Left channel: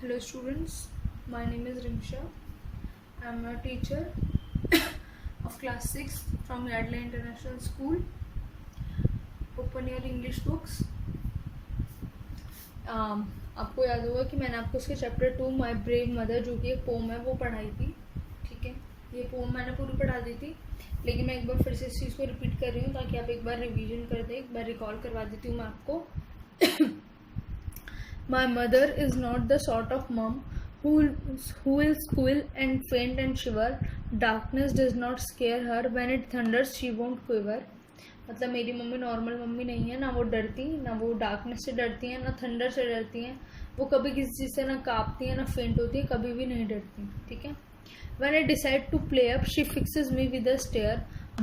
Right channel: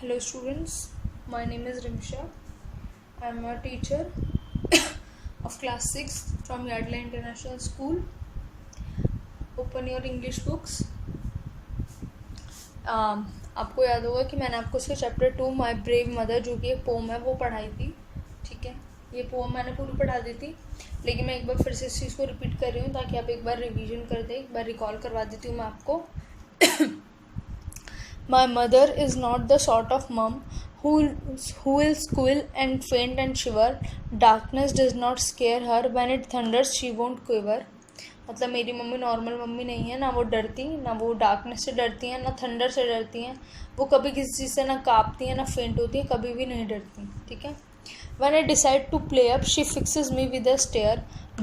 Hello students, my name is Rimsha. I am a teacher of class 6 from Yardley International School. Open your English books. आपको याद होगा कि मैंने आपको उसके चैप्टर 2 माई ब्रेव मदर जो कि एक पोम है वो पढ़ाई थी. ठीक है, ये पोम मैंने पूरी पढ़ा दी थी, लेकिन मैं एक बार फिर से इस चीज़ को रिपीट कर रही हूँ ताकि आप एक बार रिवीजन कर दें. एक बार रिकॉल करवा देती हूँ मैं आपको. My mother is not the sort of mum who will squeal and faint and shiver. Darkness does not scare her. When it thunders, she won't quiver. मतलब मेरी मम्मी नॉर्मल मम्मी नहीं है. ना वो डरती, ना वो डार्कनेस से डरती हैं, ना थंडर से डरती हैं. वो कभी किसी चीज़ से ना काँपती हैं, ना फेंट होती है, कभी भी नहीं डरती. ठीक है. When I decide to play up, she fixes me with a stare,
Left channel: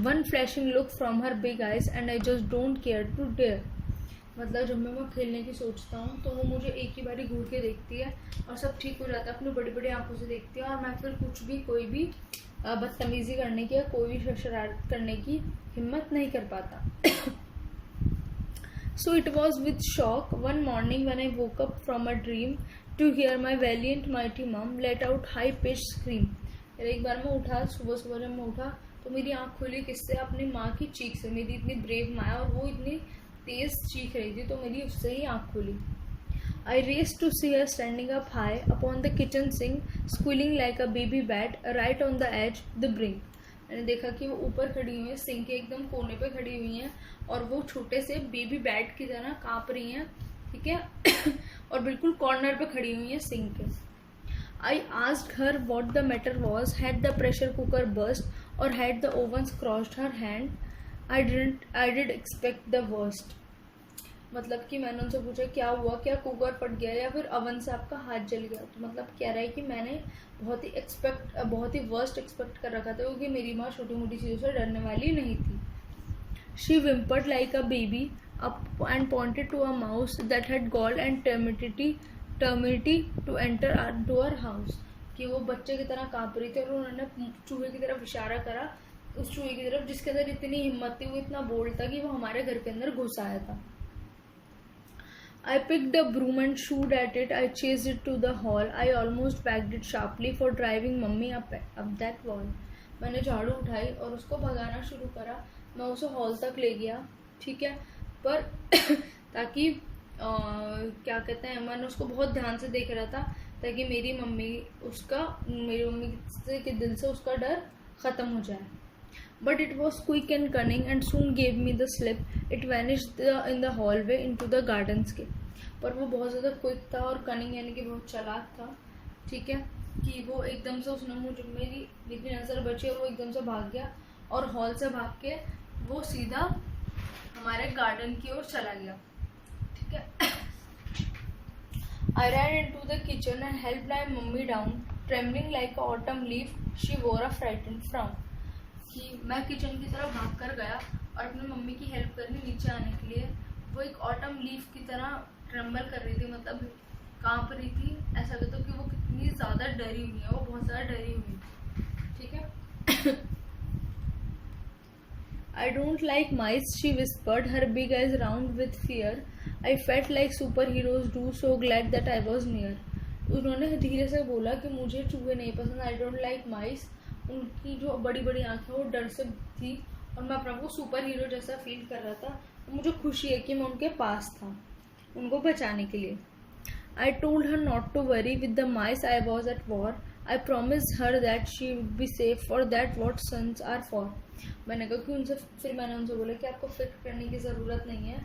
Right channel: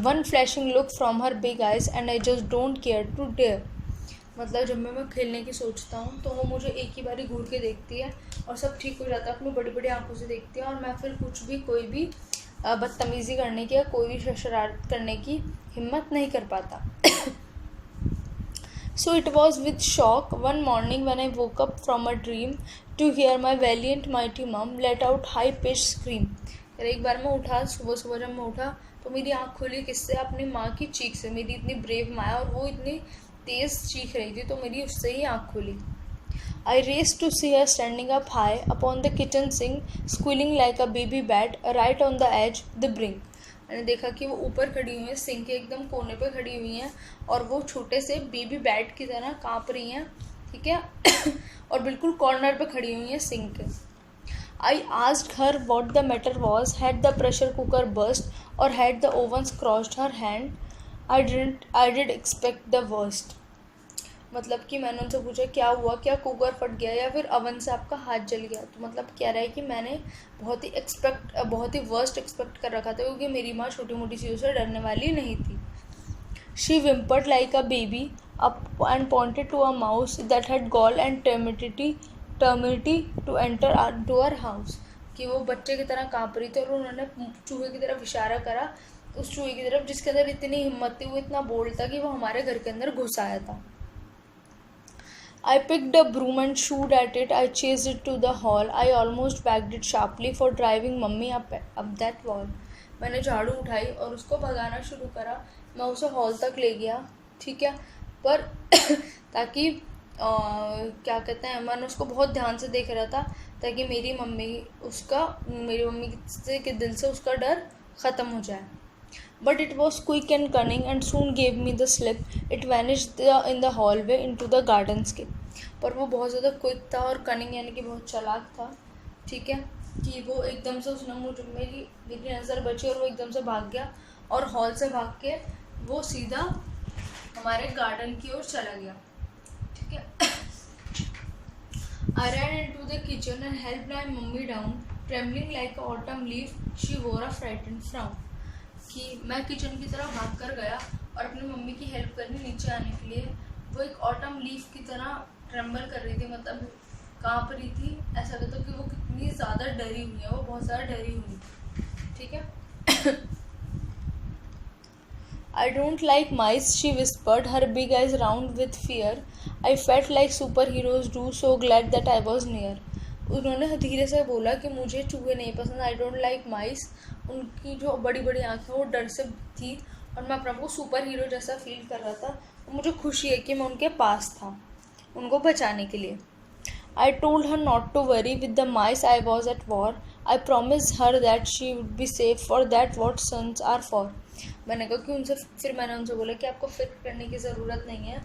one flashing look from her big eyes, and I just don't care to dare. मतलब जब मैं खेलने की सोचता हूँ तो वो मुझे एक ही बारी घूर के देखती है और सब ठीक हो जाता है. अपनी बड़ी बड़ी आंखों से देखती है और मैं फिर कुछ भी कोई भी बदतमीज़ी करने की या कोई भी शरारत करने की हिम्मत नहीं कर पाता. So it was with shock one morning when I woke up from a dream to hear my valiant mighty mum let out high pitched scream. एक बार मैं उठा, सुबह सुबह जब मैं उठा तो मेरी आँख खुली किससे? अपनी माँ की चीख से. मेरी इतनी ब्रेव माँ है और वो इतनी तेज़ चीख रही थी तो मेरी उससे ही आँख खुली. I raced to see her standing up high upon the kitchen sink, squealing like a baby bat, right on the edge, the brink. मैंने देखा कि वो ऊपर खड़ी हुई हैं, सिंक के एकदम कोने पे खड़ी हुई हैं और वो छोटे से बेबी बैट की तरह काँप रही हैं. ठीक है. और बिल्कुल कॉर्नर पे खड़ी हुई हैं सिंक के. I asked her what the matter was, had the pressure cooker burst or had the oven crushed her hand. I did expect the worst. मतलब कि मैंने उनसे पूछा क्या हुआ, क्या कुकर फट गया या फिर अवन से आपका हाथ जल गया. तो मतलब कह रहा है कि मैंने बहुत ही वर्स्ट एक्सपेक्ट कर रखा था क्योंकि मेरी माँ छोटी मोटी चीज़ों से डरने वाली नहीं थी. She whimpered like a baby up and pointed to a mouse that had gall and temerity to enter to our house. कि वो बच्चे की तरह काँप रही थी और उन्होंने चूहे की तरफ इशारा करा उस चूहे की तरफ जिसके अंदर इतनी हिम्मत थी, वो इतना बोल्ड था कि वो हमारे घर के अंदर घुस आया था. I picked a broom and shooed at it. I chased it to the hall. I almost backed it sharply for driving mummy up that wall. मैंने झाड़ू उठाई और उसको भगाना शुरू करा. मैं उसे हॉल तक ले गया. ठीक है. पर ताकि क्या कहते हैं, मैंने उसको बहुत ध्यान से देख रहा था ताकि मेरी मम्मी के दिल से उसका डर ख़त्म हो जाए. But it was quick and cunning and soon gave me the slip. It vanished in the hallway into the gardenscape. पर वो बहुत ज़्यादा क्विक था और कनिंग यानी कि बहुत चालाक था. ठीक है. कि वो एकदम से उसने मेरी नज़र बची और वो एकदम से भाग गया और हॉल से भाग के वो सीधा हमारे गार्डन की ओर चला गया. ठीक है. I ran into the kitchen and helped my mummy down, trembling like an autumn leaf. She wore a frightened frown. कि मैं किचन की तरफ भाग कर गया और अपनी मम्मी की हेल्प करनी नीचे आने के लिए. वो एक ऑटम लीफ की तरह ट्रेम्बल कर रही थी, मतलब काँप रही थी. ऐसा कहते हो कि वो कितनी ज़्यादा डरी हुई है, वो बहुत ज़्यादा डरी हुई. ठीक है. I don't like mice, she whispered, her big eyes round with fear. I felt like superheroes do, so glad that I was near. उन्होंने धीरे से बोला कि मुझे चूहे नहीं पसंद. I don't like mice. उनकी जो बड़ी बड़ी आँखें वो डर से थी और मैं अपने आप को सुपर हीरो जैसा फील कर रहा था. तो मुझे खुशी है कि मैं उनके पास था उनको बचाने के लिए. I told her not to worry, with the mice I was at war. I promised her that she would be safe, for that what sons are for. मैंने कहा कि मैंने उनसे बोला कि आपको फिक्र करने की ज़रूरत नहीं है,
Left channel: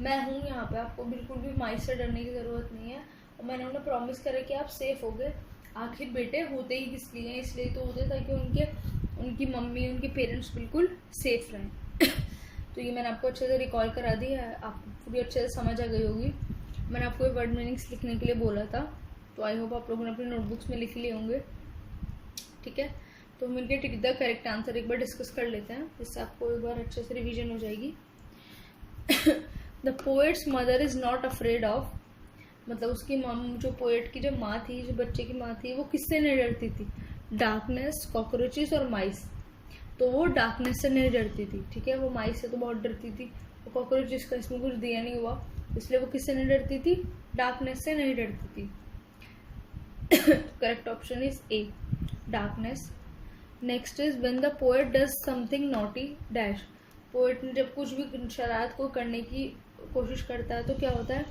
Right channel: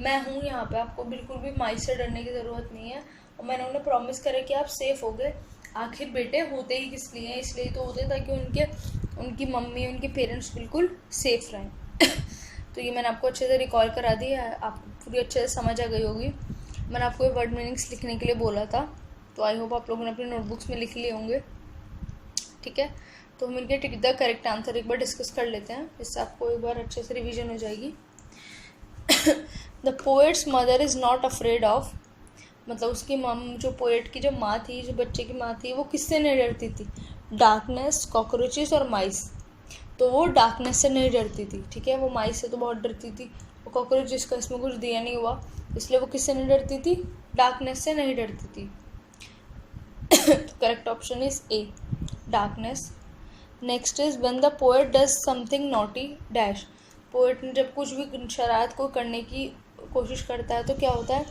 मैं हूँ यहाँ पे, आपको बिल्कुल भी माइस से डरने की ज़रूरत नहीं है. और मैंने उन्हें प्रॉमिस करा कि आप सेफ़ हो गए. आखिर बेटे होते ही किस लिए हैं? इसलिए तो होते ताकि उनकी मम्मी उनके पेरेंट्स बिल्कुल सेफ़ रहें. तो ये मैंने आपको अच्छे से रिकॉल करा दी है, आप पूरी अच्छे से समझ आ गई होगी. मैंने आपको ये वर्ड मीनिंग्स लिखने के लिए बोला था, तो आई होप आप लोगों ने अपनी नोटबुक्स में लिख लिए होंगे. ठीक है. तो हम इनके टिक द करेक्ट आंसर एक बार डिस्कस कर लेते हैं, जिससे आपको एक बार अच्छे से रिवीजन हो जाएगी. The poets mother is not afraid of, मतलब उसकी जो पोएट की जो माँ थी, जो बच्चे की माँ थी, वो किससे नहीं डरती थी? डार्कनेस, कॉकरोचेस और माइस. तो वो डार्कनेस से नहीं डरती थी. ठीक है. वो माइस से तो बहुत डरती थी. वो कॉकरोचेस का इसमें कुछ दिया नहीं हुआ, इसलिए वो किससे नहीं डरती थी? डार्कनेस से नहीं डरती थी. Correct option is A, darkness. Next is when the poet does something naughty dash. Poet ने जब कुछ भी शरारत को करने की कोशिश करता है तो क्या होता है.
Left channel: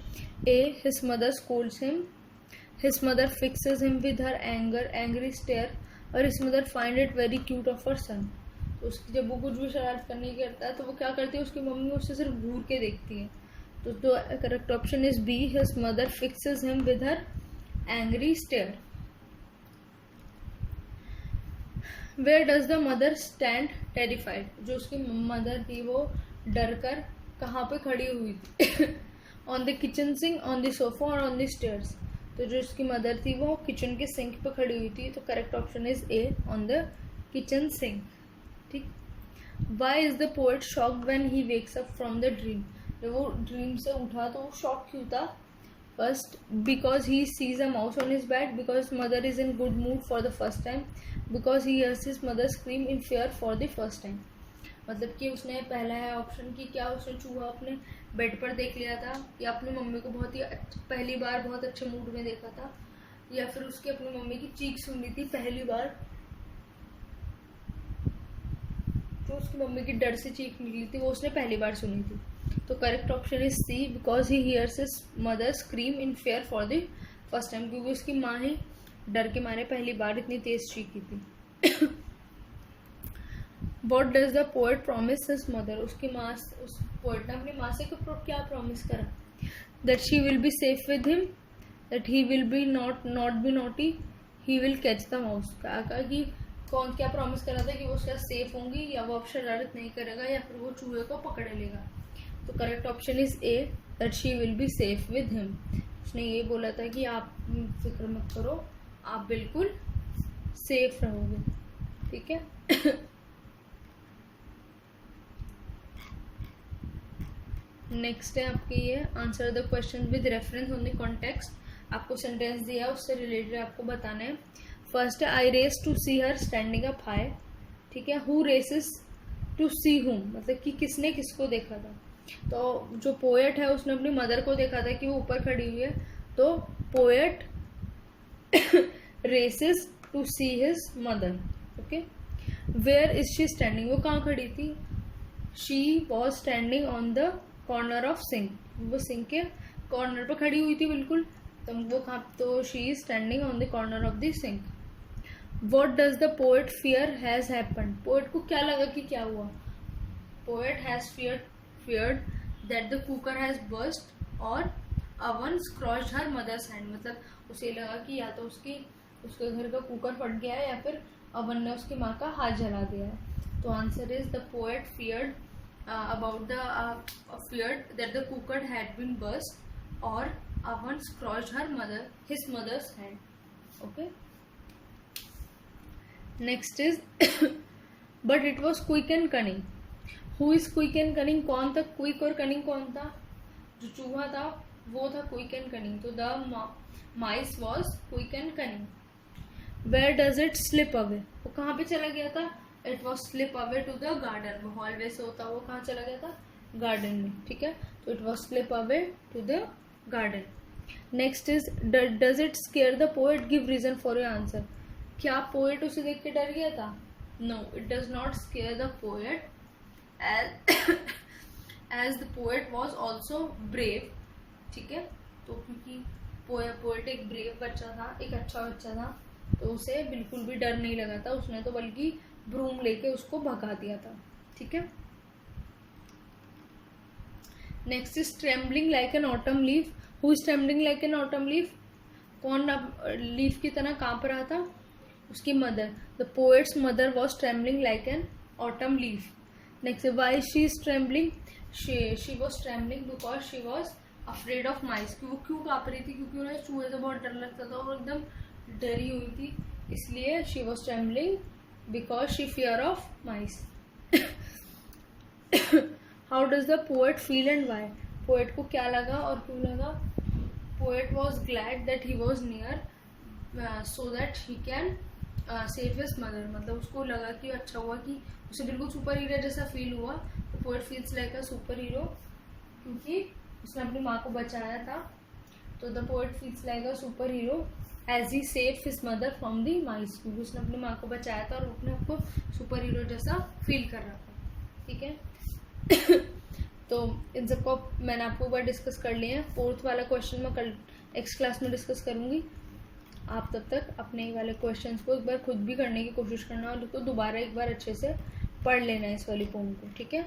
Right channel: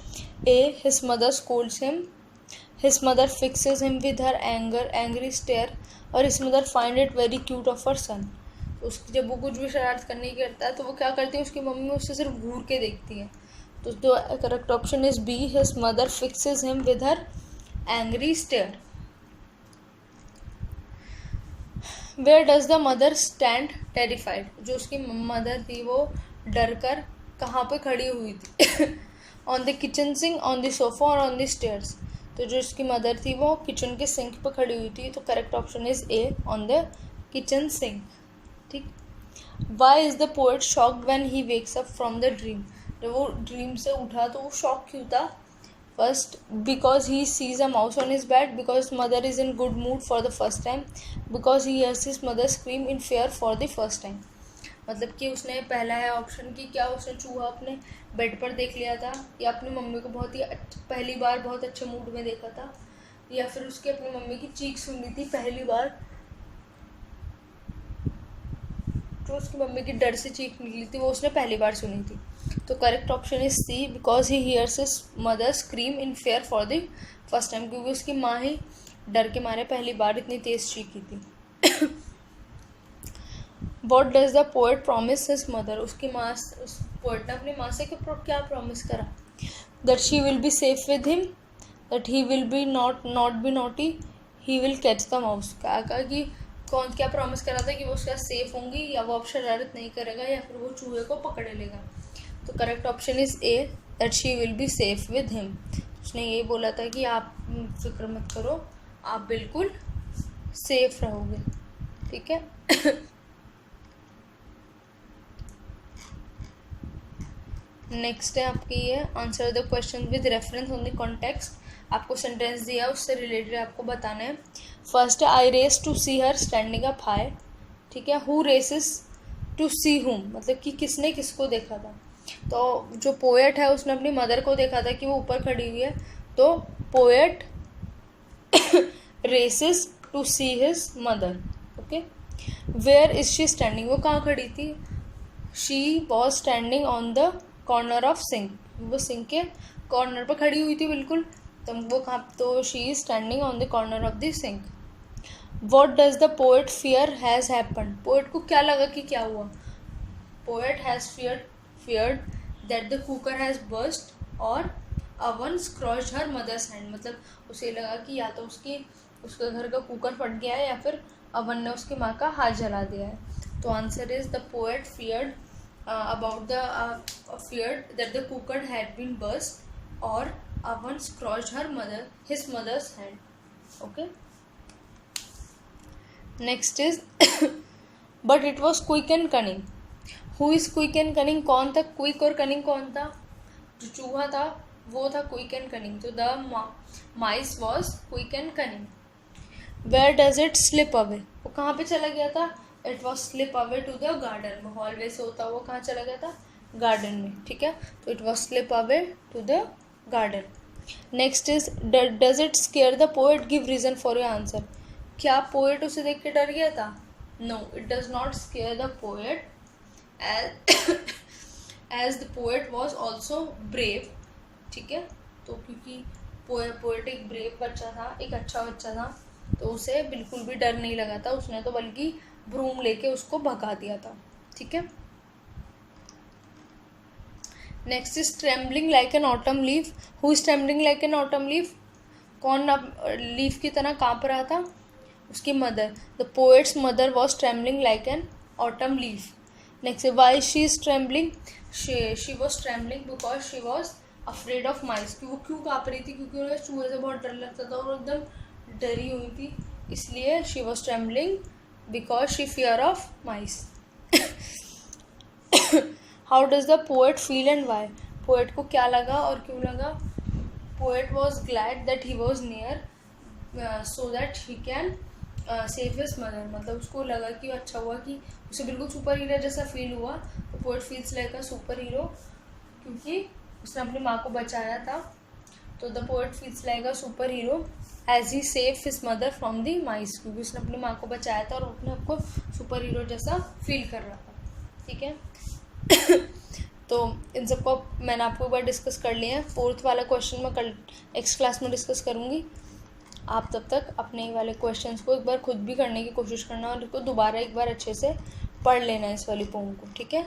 A, his mother scolds him, his mother fixes him with her angry stare, और his mother find it very cute of her son. उसकी जब वो कुछ भी शरारत करने की करता है तो वो क्या करती है, उसकी मम्मी उससे सिर्फ घूर के देखती है. तो correct option is B, his mother fixes him with her angry stare. Where does the mother stand terrified. जो उसकी मदर थी वो डर कर कहाँ पे खड़ी हुई थी. On the kitchen sink, on the sofa और ऑन द स्टेयर्स. तो जो उसकी मदर थी वो किचन के सिंक पे खड़ी हुई थी. तो correct option is A, on the kitchen sink. ठीक. Why is the poet shocked when he wakes up from the dream. जब वो ड्रीम से उठा तो वो शॉक क्यों था. First, because he sees a mouse on his bed, because mother is in good mood for the first time, because he hears his mother scream in fear for the first time. मतलब कि उसने पहला है option कि क्या उसने चूहा अपने बेड पर देख लिया था, या अपनी मम्मी को बहुत ही पहली बार बहुत अच्छे मूड में देखा था, या फिर उसकी अपनी मम्मी की चीख सुनी थी पहली बार, जो उसकी मम्मी की डर से चीख निकली थी वो उसने पहली बार सुनी थी. तो correct option is C, because he hears his mother scream in fear for the first time. क्योंकि उसकी माँ ही डर के मारे पहली बार इतनी तेज चीखी थी. What does the poet promise his mother. उसकी माँ, उस पोएट ने अपनी माँ से क्या प्रॉमिस करा. That she will be safe with him, that he will be not be naughty, he will catch the mouse. कहा कि कौन क्या प्रॉमिस करा था कि वो उसका सेफ होंगी, या वो अब शरारत नहीं करेगा, या फिर वो चूहे को पकड़ लेगा. तो correct option is A, that she will be safe with him. उसने ये बोला था कि आप फिक्र मत करो, आप बिल्कुल सेफ रहोगे. ठीक है. नेक्स्ट है आपकी ये, answer the question with reference on the context. आपको सेंटेंस दिया उससे रिलेटेड आपको बताना है. फर्स्ट है, I race to see her standing up high. ठीक है. हु रेसेस टू सी हुम, मतलब कि किसने किसको देखा था. तो जो पोएट है उसने अपनी मदर को देखा था कि वो ऊपर खड़ी हुई है. तो poet races to see his mother. Okay. Where is she standing. वो कहाँ खड़ी थी. She was standing on the corner of sink. वो सिंक के कॉर्नर पर खड़ी हुई थी बिल्कुल. तो वो कहाँ, तो she is standing on the corner of the sink. What does the poet fear has happened. Poet को क्या लगा कि क्या हुआ. Poet has feared that the cooker has burst or oven scorched her mother's hand. मतलब उसे लगा कि या तो उसके घर का कुकर फट गया है, या फिर अवन ने उसकी माँ का हाथ जला दिया है. तो answer is the poet feared about the feared that the cooker had been burst or oven scorched his mother's hand. Okay. Next is but it was quick and cunning. Who is quick and cunning. कौन था quick और cunning. कौन था. जो चूहा था वो था क्विक एंड कनिंग. तो the mice was quick and cunning. Where does it slip away. वो कहाँ पे चला गया था. It was slip away to the garden. वो हॉलवे से होता हुआ कहाँ चला गया था. गार्डन में. ठीक है. तो it was slip away to the garden. Next is does it scare the poet. Give reason for your answer. क्या पोएट उसे देख के डर गया था. No, it does not scare the poet as the poet was also brave. ठीक है. तो क्योंकि पोएट एक ब्रेव बच्चा था, एक अच्छा बच्चा था, तो उसे बिल्कुल भी डर नहीं लगा था. उसने तो बल्कि ब्रूम लेके उसको भगा दिया था. ठीक है. Next is trembling like an autumn leaf. Who is trembling like an autumn leaf. कौन अब लीफ की तरह काँप रहा था. उसकी mother. The poets mother was trembling like an autumn leaf. Next, why she is trembling. She was trembling because she was afraid of mice. वो क्यों काँप रही थी. क्योंकि उन्हें चूहे से बहुत डर लगता था और एकदम डरी हुई थी, इसलिए she was trembling because she fear of mice. How does the poet feel and why. Poet को क्या लगा और क्यों लगा. Poet was glad that he was near so that he can save his mother. मतलब उसको लगा कि अच्छा हुआ कि उसे बिल्कुल सुपर हीरो जैसा फील हुआ. तो poet feels like a super hero क्योंकि उसने अपनी माँ को बचाया था. तो the poet feels like a super hero as he save his mother from the mice, क्योंकि उसने अपनी माँ को बचाया था और अपने आपको सुपर हीरो जैसा फील कर रहा था, ठीक है। तो इन सबको मैंने आपको एक बार डिस्कस कर लिया है। 4th वाला क्वेश्चन मैं कल नेक्स्ट क्लास में डिस्कस करूँगी। आप तब तक अपने वाले क्वेश्चंस को एक बार खुद भी करने की कोशिश करना और इसको दोबारा एक बार अच्छे से पढ़ लेना इस वाली पोम को, ठीक है।